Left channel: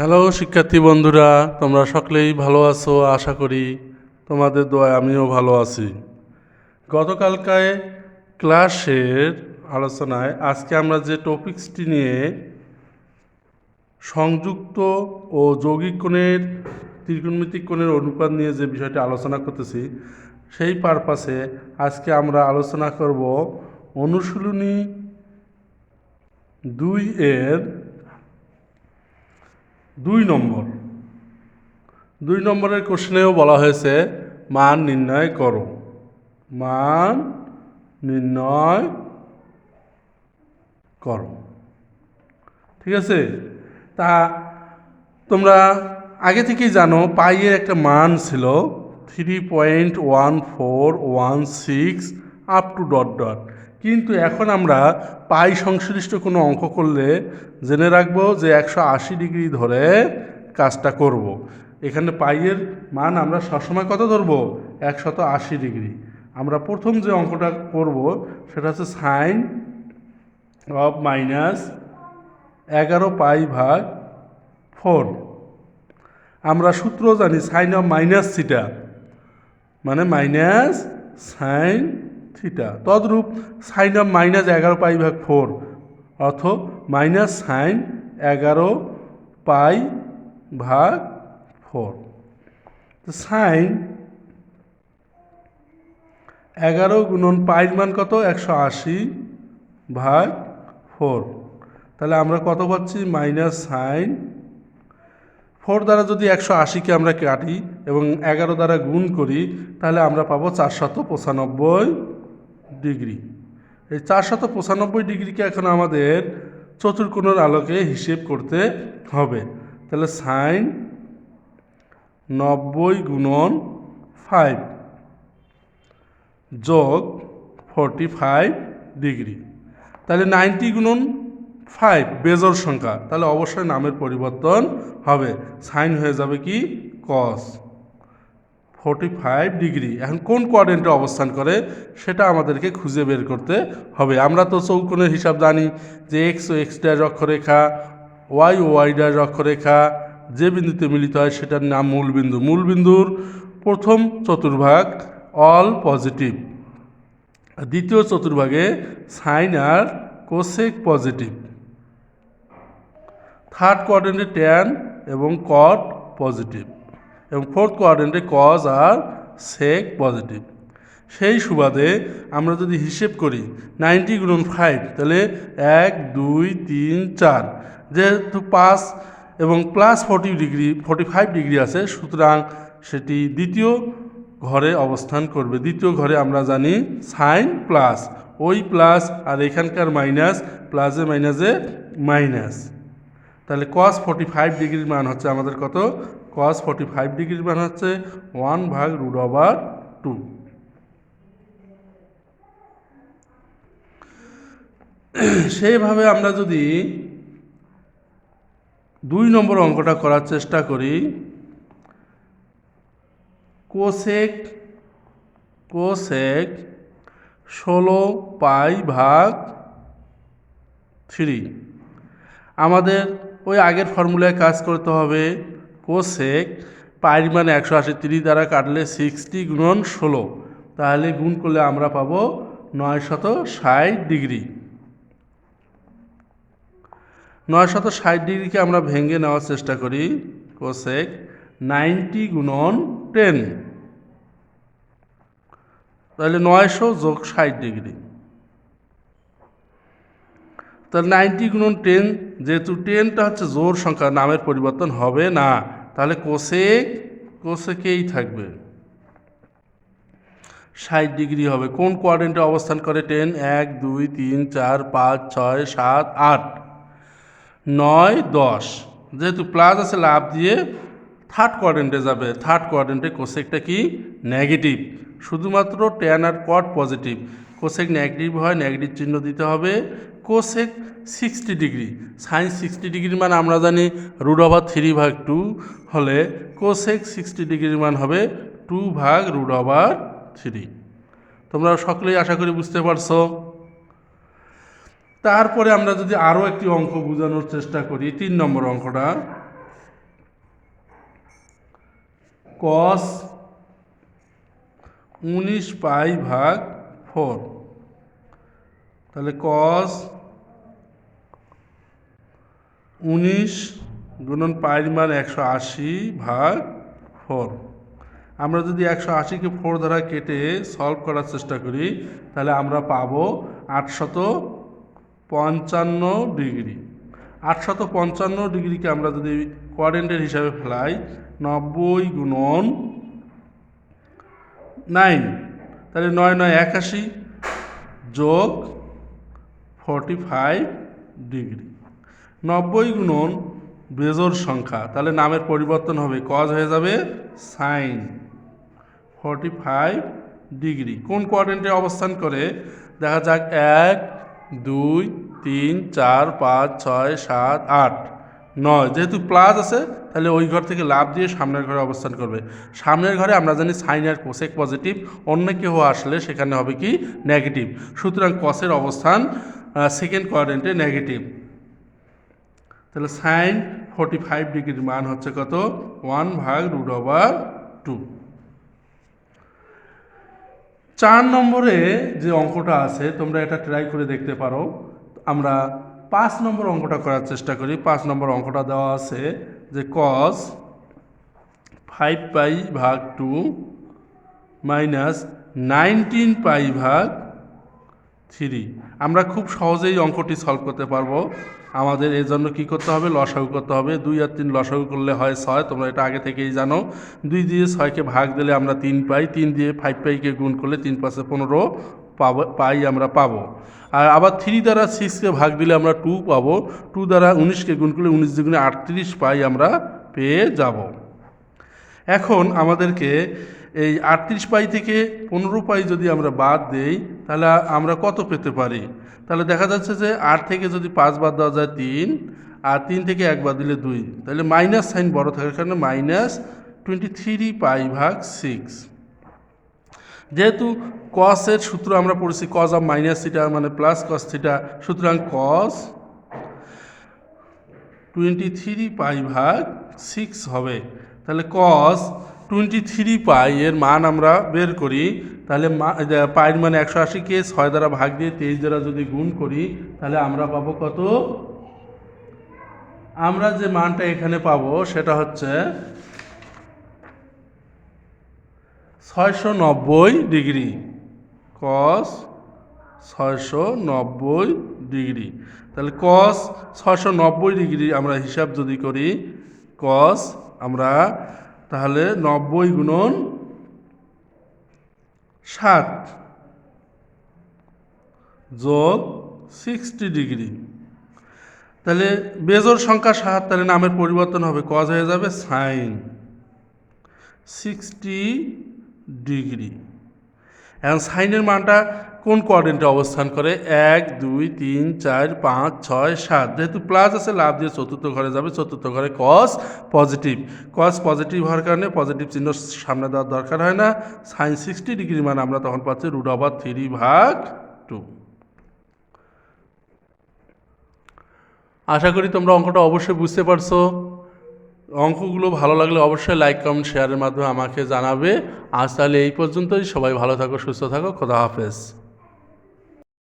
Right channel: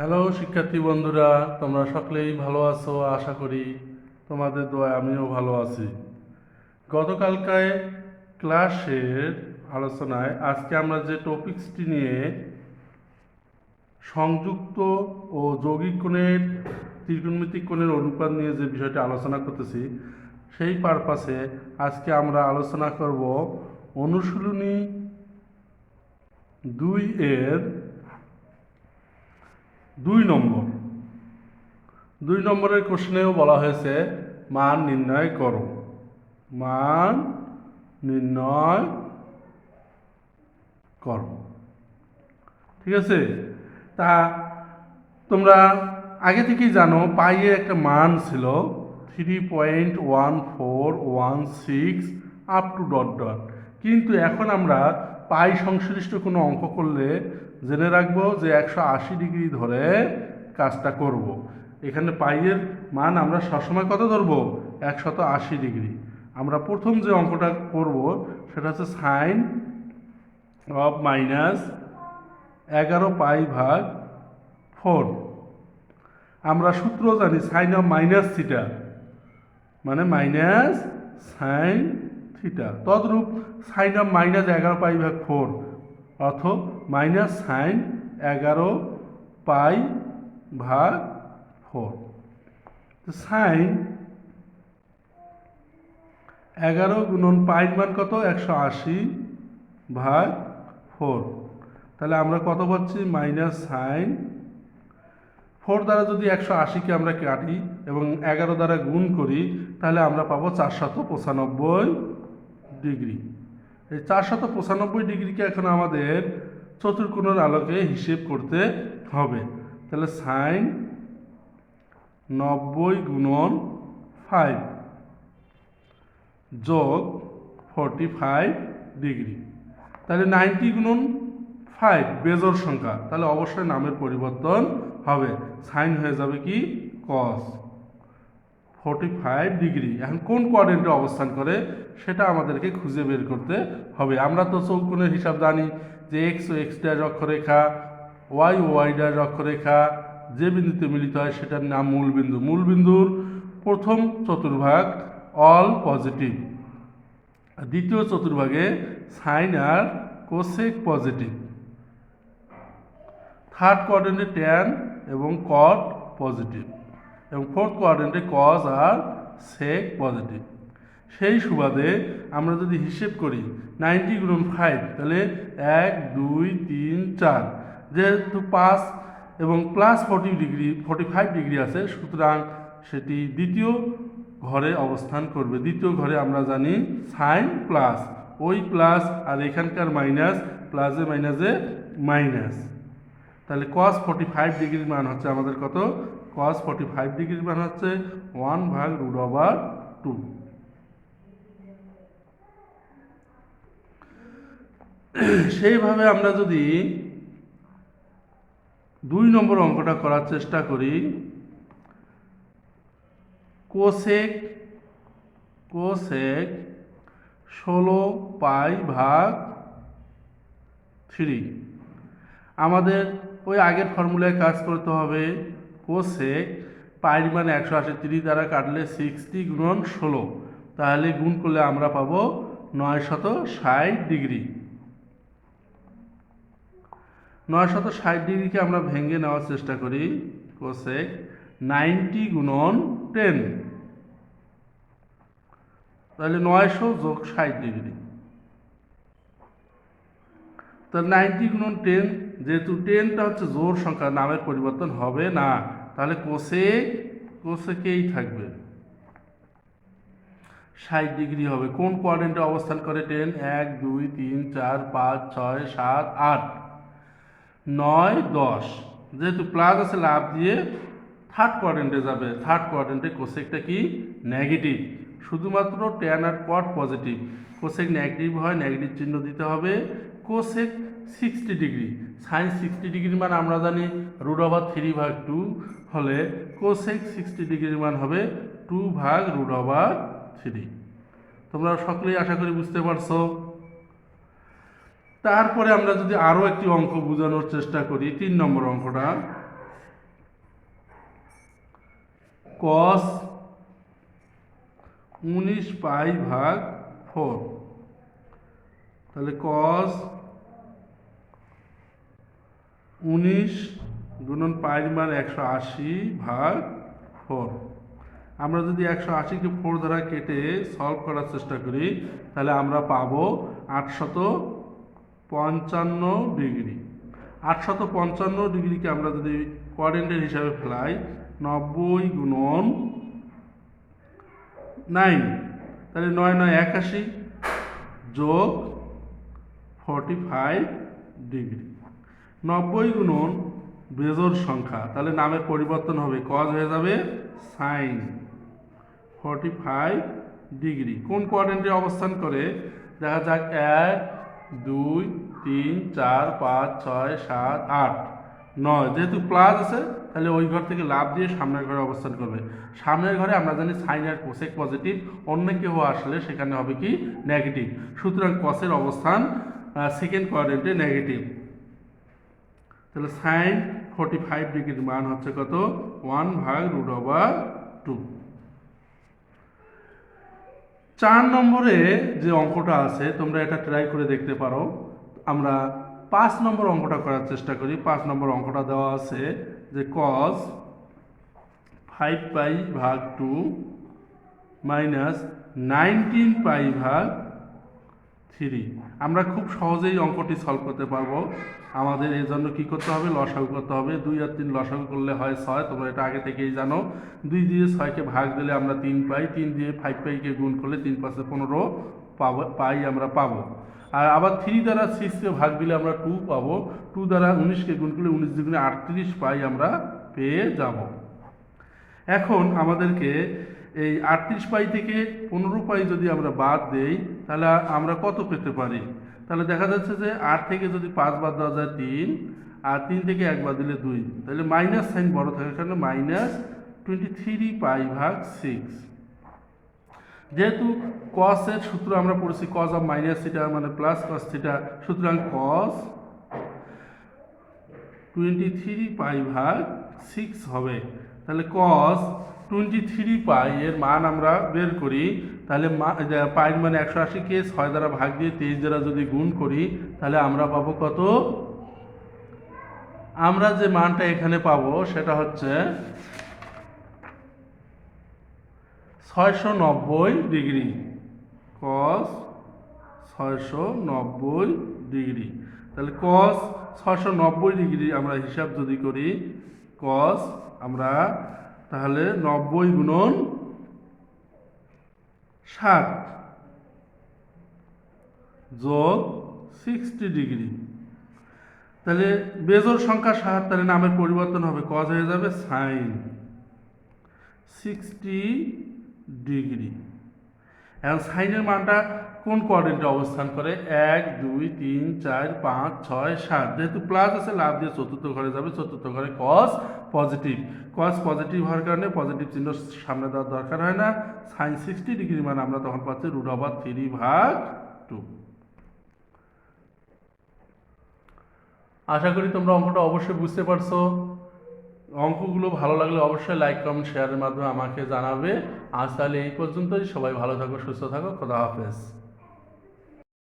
Hello শিক্ষার্থী বন্ধুরা, তোমরা সকলেই ভালো আছো, আশা করি তোমাদের দোয়ায় আমিও ভালো আছি। গতকালকায় ক্লাসের আলোচনায় আজকে আমরা যে টপিক্সটি নিয়ে সংযুক্ত ও যৌগিক কোণের, ত্রিকোণমিতিক কোণের অনুপাত নিয়ে যে বিষয়টি আলোচনা করতেছি, সেই পারপাসে আজকে আমরা আলোচনা করব অনুশীলনী দুই এর দুই নম্বর। দুই নম্বরের কোশ্চেনেও বলা হয়েছে, মান নির্ণয় করো। মান নির্ণয় করো। ঠিক আছে? তা তোমরা আগে থেকেই জানো পাইয়ের একটা মান ছিল three point one four one six up to dot dot কিন্তু এখন আমরা পাই সংশ্লিষ্ট কোনো অঙ্ক করলে জেনে রাখব যে একশো আশি ডিগ্রি ধরে কাজটা করব। এখানে পাইয়ের মান আমরা সবসময় কত ধরবো? একশত আশি ডিগ্রি। আমরা প্রথম যে অঙ্কটা করব সেটা হচ্ছে সাইন অফ মাইনাস এগারো পাই ভাগ ফোর আমরা সূত্র জানি সাইন অফ মাইনাস থিটা মানে মাইনাস সাইন থিটা। তদ্রূপ সাইন অফ মাইনাস এগারো পাই ভাগ ফোর অর্থ মাইনাস সাইন এগারো পাই ভাগ ফোর সাইন এগারো গুণন পাইর মান কত? একশো আশি ভাগ ফোর তাহলে আমরা কত পাচ্ছি? মাইনাস সাইন ফোর দ্বারা যদি একশো আশিকে আমরা কাটি এবং এগারো দ্বারা গুণ করি, তাহলে আমরা পাবো চারশত পঁচানব্বই ডিগ্রি। এই চারশত পঁচানব্বই ডিগ্রিকে এখন আমাদের চতুর্কোণের আলোকে হিসেব করতে হবে। তাহলে সাইন নব্বই গুণন ফাইভ যোগ ফর্টি ফাইভ ডিগ্রি। তাহলে নাইনটি গুণন ফাইভ বেজোর সংখ্যা। তাহলে অবশ্যই নামের পরিবর্তন হবে। সাইন হয়ে যাবে কি? কস। ফোর্টি ফাইভ ডিগ্রি এখন কোন কোয়াড্রেন্টে অবস্থান করে, সেটা আমাদেরকে খুঁজে বের করতে হবে। আমরা তো চৌকোণের হিসাব জানি যে এক্স ও এক্স ড্যাশ অক্ষরেখা ওয়াই ও ওয়াই ড্যাশ অক্ষরেখা যে বিন্দুতে মিলিত হয় সেটার নাম মূল বিন্দু। মূল বিন্দুর প্রথম চতুর্ভাগ অল পজিটিভ দ্বিতীয় চতুর্ভাগে সাইন আর কোসেক পজিটিভ থার্ড কোয়াড্রেন্টে ট্যান এবং কট পজিটিভ এবং ফোর্থ কোয়াড্রেন্টে কজ আর সেক পজিটিভ সেই সুবাদে আমরা যদি হিসেব করি নাইনটি গুণন ফাইভ তাহলে এক, দুই, তিন, চার। যেহেতু পাঁচ এবং plus forty degree forty five degree আছে, সুতরাং সেটি দ্বিতীয় ঘরে অবস্থান করবে। দ্বিতীয় ঘরে আমরা জানি সাইন প্লাস ওই প্লাস আর এখানকার মাইনাস প্লাসে মাইনাসে মাইনাস তাহলে কস ফর্টি ফাইভ ডিগ্রির মান হচ্ছে আমাদের কত? কস ফর্টি ফাইভ ডিগ্রির মান হচ্ছে ওয়ান ভাগ রুট ওভার টু সেইভাবে আমরা যদি দুই নম্বর অঙ্কটা করার চেষ্টা করি কোসেক কোসেক ষোলো পাই ভাগ থ্রি আমাদের ওই আগের ফর্মুলায় কাজ করতে হবে কোসেক পাইর মানে একশো আশি তিরিশ দ্বারা কাটলে সিক্সটি গুণন ষোলো। তাহলে গুণ করলে আমরা পাবো নয় শত ষাট ডিগ্রি। নয় শত ষাট ডিগ্রিকে আমরা ভেঙে নেওয়ার চেষ্টা করি কোসেক নাইনটি গুণন টেন। তাহলে নয়শো যোগ ষাট ডিগ্রি। তাহলে নাইনটি গুণন টেন যেহেতু টেনটা হচ্ছে জোর সংখ্যা, নামের পরিবর্তন হবে না। তাহলে কোসেক কোসেকেই থাকবে। ষাট ডিগ্রি হবে। কোন কোয়াড্রেন্টে অবস্থান করে? টেন, এক, দুই, তিন, চার, পাঁচ, ছয়, সাত, আট, নয়, দশ। যেহেতু প্লাস আছে, লাভ দিয়ে থার্ড কোয়াড্রেন্টে যাবে। থার্ড কোয়াড্রেন্টে কোসেকটা কি? নেগেটিভ শুধুমাত্র টেন আর কট পজিটিভ কোসেক নেগেটিভ হয় নেগেটিভ চিহ্ন দিতে হবে। Cosec sixty degree sine sixty ডিগ্রির মান আমরা জানি রুট ওভার থ্রি ভাগ টু হলে কোসেক সিক্সটি ডিগ্রির মান হবে টু ভাগ রুট ওভার থ্রি। তোমরা সকলেই আশা করি বুঝতে পারছ। তারপরে আমরা যদি আরও একটি অঙ্ক বোঝানোর চেষ্টা করি, তিন নম্বর অঙ্কটা। কস উনিশ পাই ভাগ ফোর তাহলে কস উনিশ গুণন পাইর মান একশো আশি ভাগ ফোর আমরা যদি একশো আশিকে ফোর দ্বারা কেটে সলভ করার চেষ্টা করি, তাহলে আমরা পাব আটশত পঞ্চান্ন ডিগ্রি। আটশত পঞ্চান্ন ডিগ্রিকে আমরা যদি কোয়ারেন্টের হিসাবে ফেলাই, নব্বই গুণন নাইন তাহলে নয় নয় একাশি যোগ ফর্টি ফাইভ ডিগ্রি। নব্বই গুণন বেজোর সংখ্যা, তাহলে নামের পরিবর্তন হবে কজ হয়ে যাবে সাইন ফর্টি ফাইভ ডিগ্রি কোন কোয়াড্রেন্টে অবস্থান করে? দেখা যাক, এক, দুই, তিন, চার, পাঁচ, ছয়, সাত, আট, নয়। যেহেতু প্লাস আছে, তাহলে ওই ঘর থেকে লাভ দিয়ে সামনের ঘরে অবস্থান করবে। সামনের ঘরে আমরা জানি সাইন আর কোসেক পজিটিভ অন্য কেউ আসলে সেখানে হবে কি নেগেটিভ সুতরাং কসের অবস্থান সেকেন্ড কোয়াড্রেন্টে নেগেটিভ তাহলে সাইন ফোর্টি ফাইভ ডিগ্রির মান হচ্ছে কত? ওয়ান ভাগ রুট ওভার টু চার নম্বরে যে অঙ্কটা আছে, তোমরা এটা ট্রাই করে দেখতে পারো। আমরা পাঁচ নম্বর অঙ্কটা করার চেষ্টা করি। পাঁচ নম্বর অঙ্কটা দেওয়া আছে যে কস ফাইভ পাই ভাগ টু মাইনাস নাইনটিন পাই ভাগ থ্রি আমরা খুব সহজেই অঙ্কটি সলভ করতে পারব। আমাদের এর জন্য কী করতে হবে? লসাগু করতে হবে। দুই আর তিন লসাগু করলে হয় ছয়। তোমরা এটা আগে থেকেই জানো। দুই দিয়ে ছয়কে ভাগ দিলে আমরা তিন পাই। তিন দিয়ে ফাইভ পাইকে গুণ করলে তিন পাঁচে পনেরো পাবো পাই আমরা পাবো। আর আবার থ্রি দ্বারা সিক্সকে ভাগ দিলে আমরা টু পাবো। টু দ্বারা উনিশকে গুণ করলে উনিশ দুগুণে আটত্রিশ পাই আমরা পেয়ে যাব। এখন আমাদেরকে এই আটত্রিশ পাই থেকে পনেরো পাই যদি আমরা বাদ দেই, তাহলে আমরা কত পেতে পারি? তাহলে দেখা যাচ্ছে যে আট থেকে যদি পাঁচ বাদ দেওয়া যায় তিন, আর তিন থেকে এক বাদ দিলে দুই। তাহলে মাইনাস সাইন বড় থাকার কারণে মাইনাস টোয়েন্টি থ্রি পাই ভাগ সিক্স যেহেতু কসের সূত্র আমরা পড়েছি কজ অফ মাইনাস থিটা মানে প্লাস কস থিটা সুতরাং কস টোয়েন্টি থ্রি পাই ভাগ সিক্স হবে। তাহলে কস টোয়েন্টি থ্রি পাই এর মান আমরা বের করি। তাহলে পাইয়ের মানে একশো আশি আশিকে ছয় দ্বারা ভাগ দিয়ে তেইশ দ্বারা যদি গুণ করি, তাহলে আমরা পাবো কত? আমরা যে মানটা এখানে পাবো, সেটা হচ্ছে ছয়শো নব্বই ডিগ্রি। কস ছয়শো নব্বই ডিগ্রি। তাহলে কস ছয়শো নব্বই ডিগ্রি আমরা হিসাব যদি করি কস আমরা তাহলে নব্বই গুণন ষাট যোগ সিক্সটি ডিগ্রি তাহলে বেজোর সংখ্যা সাত তাহলে নামের পরিবর্তন হবে কজ হয়ে যাবে সাইন সিক্সটি ডিগ্রি এখন সাইনের মানটা কোন কোয়ার্ডেন্টে অবস্থান করে? এক, দুই, তিন, চার, পাঁচ, ছয়, সাত। যেহেতু প্লাস আছে, লাভ দিয়ে চতুর্থ ঘরে যাবে। চতুর্থ ঘরে কস পজিটিভ কস পজিটিভ হওয়ার কারণে পজিটিভ চিহ্ন সামনে দেওয়ার দরকার হয় না। সাইন সিক্সটি ডিগ্রি মানে আমরা তখন পাচ্ছি রুট ওভার থ্রি ভাগ টু আশা করি তোমরা অঙ্কটা অবশ্যই বুঝতে পারছ। অঙ্কগুলো ভালো লাগলে অবশ্যই লাইক কমেন্ট শেয়ারের মাধ্যমে আমাকে জানাবে। আজ তাহলে এই পর্যন্তই। সবাই ভালো থাকো, সুস্থ থাকো। খোদা হাফেজ।